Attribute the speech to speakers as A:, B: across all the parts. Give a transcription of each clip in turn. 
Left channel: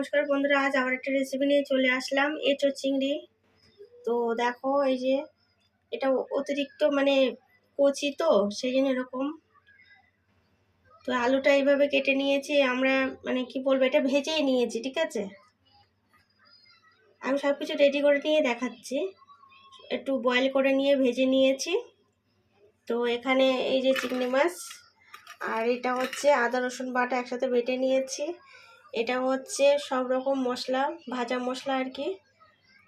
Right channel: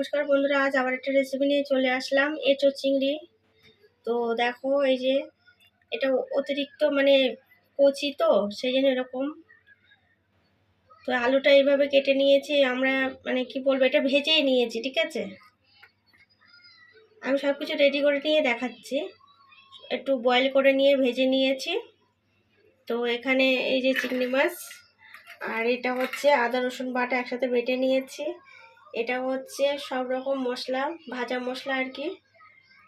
A: নমস্কার বন্ধুরা, আজ আবার একটা রেসিপি নিয়ে চলে আসলাম, এঁচো চিংড়ি। তো দেখো এই যে, এটা অতিরিক্ত মানে কচি তো, সেই জন্য এরকম। তো আলুটা এইভাবে কেটে নিয়েছি, আমরা মানে কি বলব, এটা ভেজেই নিয়েছি, ঠিক আছে? আমি সব কিছু রেডি করে নিয়ে দেখাচ্ছি। একটু বয়েল করে নিয়ে ভেজে নিয়েছি। তো এখানে এই যে চিংড়ি মাছ, আর এটা হচ্ছে আদা রসুন বাটা একসাথে বেটে নিয়েছি। এটা হচ্ছে সব রকম মশলা ভাজা মশলা আর কি।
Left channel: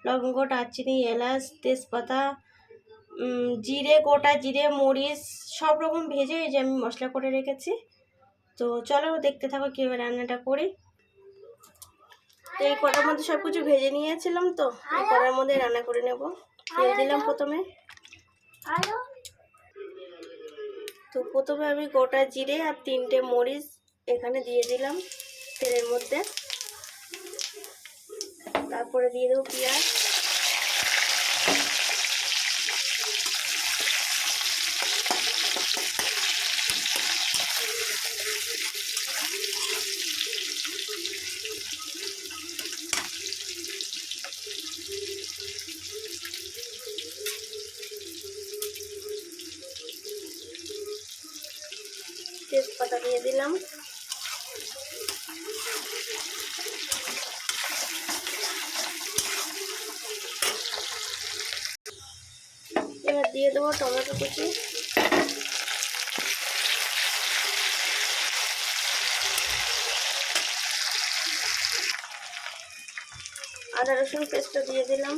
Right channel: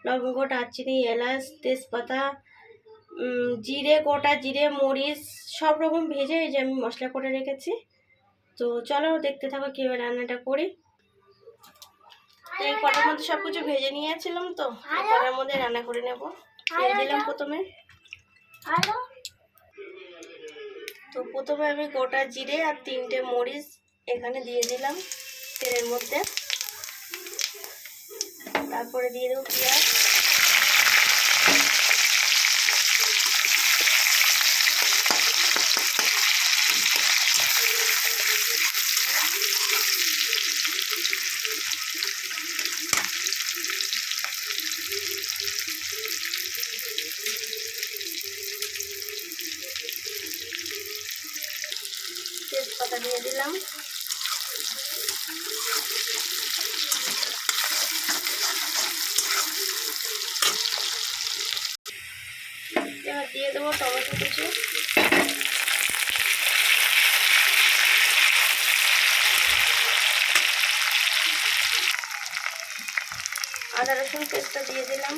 A: লবঙ্গ দারচিনি এলাচ তেজপাতা জিরে গোটা জিরে মরিচ সব রকম ভেজে এই যে আমি মশলা করে রেখেছি। তো চলো দেখতে থাকো কীভাবে রান্নাটা করি। তো এই কটার মধ্যে সব কিছু ভেজে নিয়েছিলাম তো এই কটার মধ্যে রান্না করে নেব। তেল দিলাম প্রথমে। তো প্রথমে আমি গোটা জিরে আর তিনটে মরিচ এখানে দিয়ে দিলাম। তেলের মধ্যে তারপরে দিয়ে দেবো পেঁয়াজ তেজপাতা দিয়ে দিলাম এবার দিয়ে দেবো টমেটো কুচি। আদা রসুন পেস্টটা দিয়ে দিলাম।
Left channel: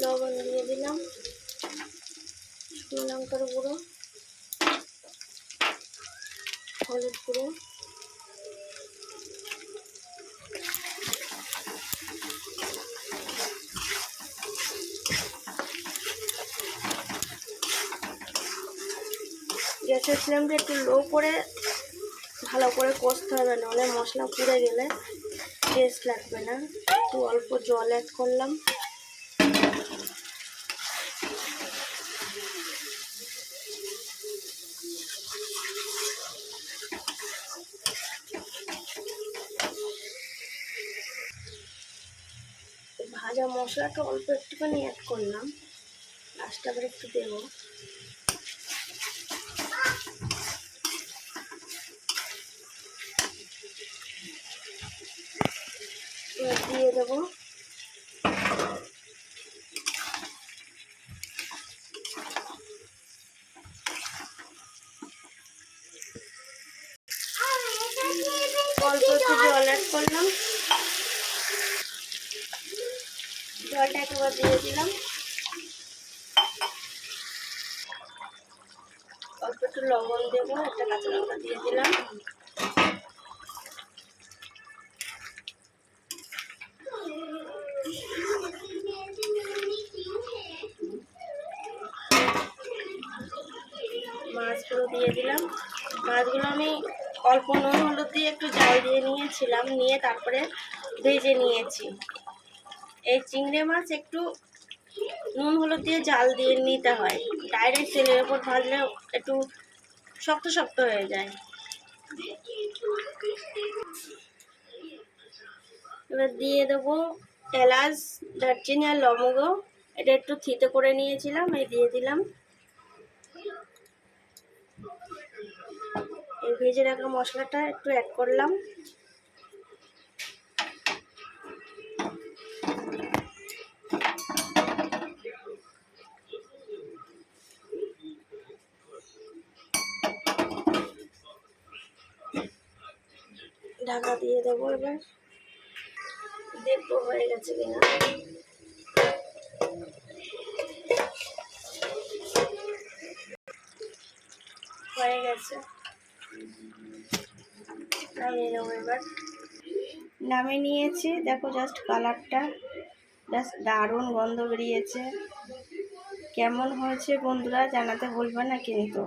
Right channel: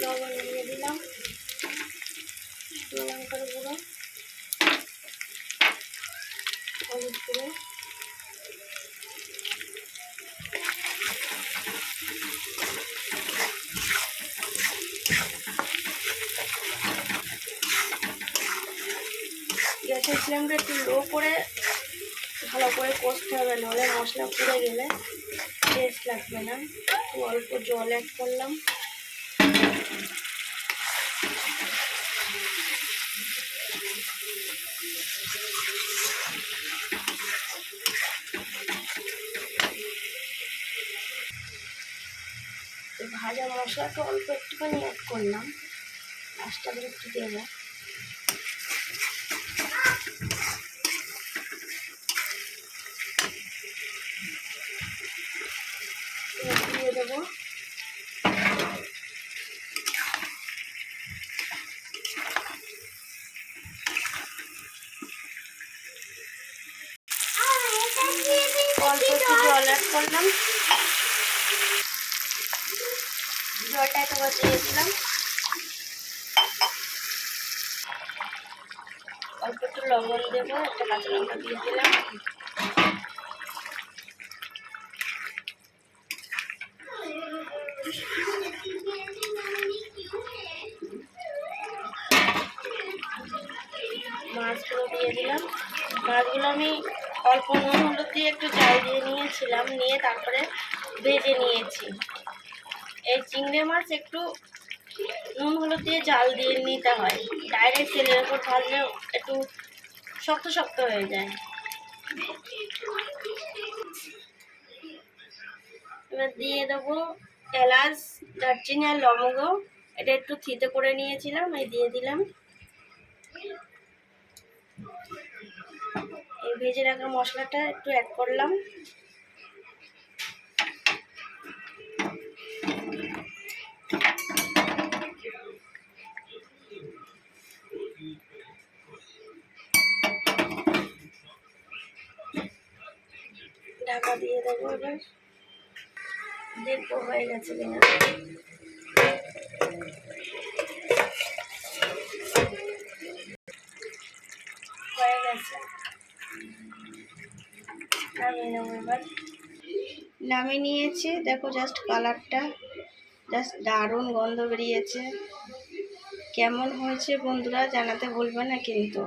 A: লবণ দিয়ে দিলাম। লঙ্কার গুঁড়ো, হলুদ গুঁড়ো, গ্যাসের ফ্লেমটা একটু লো করে ভালো করে কষতে হবে, নাহলে মশলা পুড়ে গেলে টেস্ট লাগবে না। একটু অল্প জল অ্যাড করলাম। ভাজা মশলাটা অল্প একটুখানি অ্যাড করলাম। লাস্টটা আবার একটু দেবো। দিয়ে দেবো অল্প একটু জল অ্যাড করলাম। জলটা একবার দিয়ে দিলাম। অল্প একটু লবণ দেবো, একটা কাঁচা লঙ্কা দিয়ে দিলাম। মাছগুলো দিয়ে দিলাম। মাছগুলো আমি অল্প নুন হলুদ দিয়ে একটু জাল দিয়ে নিয়েছিলাম নিয়ে তারপরে ভেজে নিয়েছি। এই চিংড়ি মাছ একটু নুন হলুদ দিয়ে জাল দিয়ে নিতে হয়। ডাইরেক্ট তেলের ওপর ভাজলে একটু শক্ত শক্ত হয়ে যায়। এবার দিয়ে দেবো এলাচ, দারচিনি আর লবঙ্গ। এটা একটু থিতে করে নিয়েছিলাম, এই দিয়ে দিলাম। এই ভেজে রাখা মশলাটা একটু অ্যাড করলাম। ঢাকা দিয়ে দেবো এবার। দেখব হয়ে গেছে কিনা। হয়ে গেছে। নামিয়ে নেব এবার। নামিয়ে নিয়েছি। দেখো জাস্ট কালারটা জাস্ট দারুণ গন্ধ বেরিয়েছে। কেমন হয়েছে বন্ধুরা জানাতে বলবে না কিন্তু।